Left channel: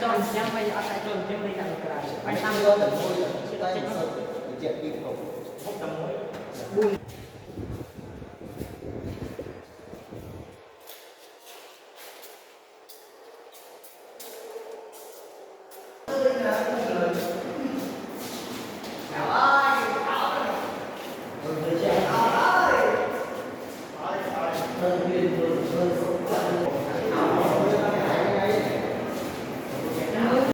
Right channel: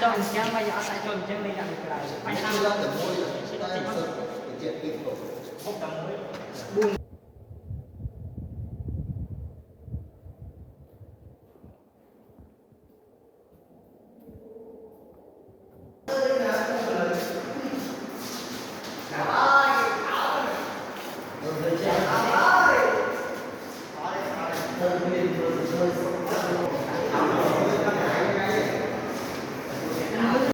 cho nhau bây giờ sẽ cho trên đi làm cái này anh tăng lên tầm mối là ta sẽ chuyện đi không tầm mối buông Hãy subscribe cho kênh Ghiền Mì Gõ để không bỏ lỡ những video hấp dẫn.